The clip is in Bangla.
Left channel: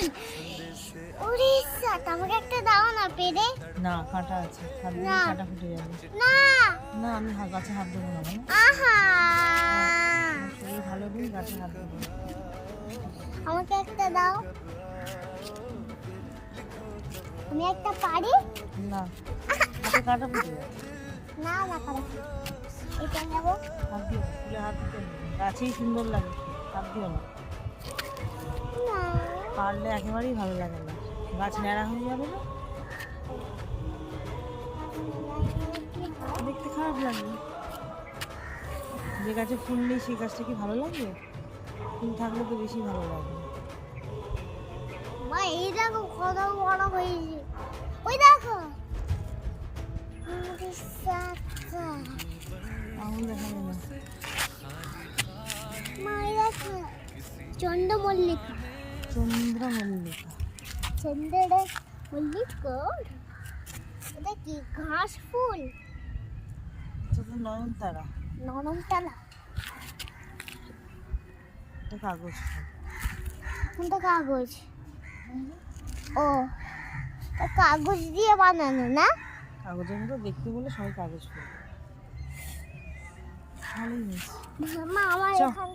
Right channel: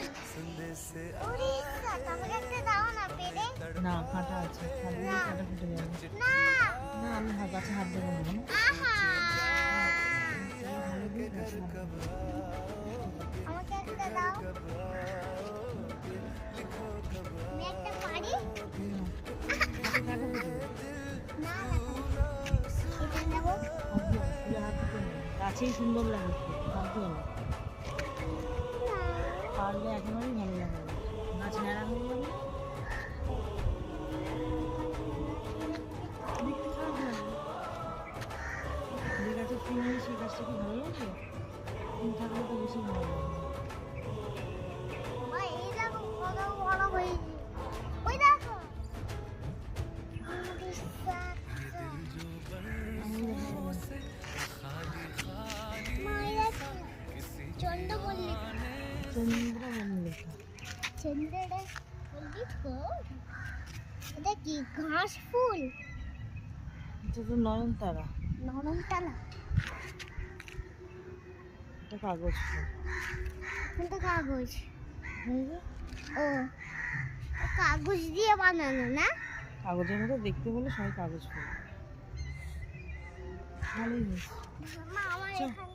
ফুল। উড়িষ্যা, আমাকে একটা দাও না পেরে। না, কাঁটা আছে, হাত দিলে না। কাঁটা ফুটে যাবে। না। না, আমি গাছে হাত দেবো না কেন? আহা। তুমি ভালো করে গাছে হাত দেবো। আমাকে একটা দাও। আমি একটা পারি? না, হাতে কাঁটা ফুটে যাবে। না না পারি। এটা নেব। হাত দিও, ফুলে হাত দিতে নেই। গাছেই সুন্দর লাগে, হাত দিও না। পারলে একেবারেই ভালো লাগে না, গাছ ন্যাড়া হয়ে যাবে না, দেখতে খারাপ লাগবে। যে গাছে ফুল নেই সেই গাছটা কি ভালো লাগবে? ফুল থাকলে তো বেশি ভালো লাগবে। মা এই দেখো কত বড় হয়েছে। ওই দেখো। উড়িষ্যা। আঙুল দেখা যাবে না। মা এই দেখো। চন্দ্রমল্লিকা। চন্দ্রমল্লিকা। চন্দ্রমল্লিকা। এটা কি ঘাস ফুল? এটা তো নয়নতারা। নরমতলা। এটা কাগজ ফুল। কোনটা কাগজ? ও, তা কাগজ দিয়ে বানানো না? কাগজের মতো দেখতে বলে সবাই কাগজ ফুল। ভালোই হয়েছে। মা আমার চল। এখান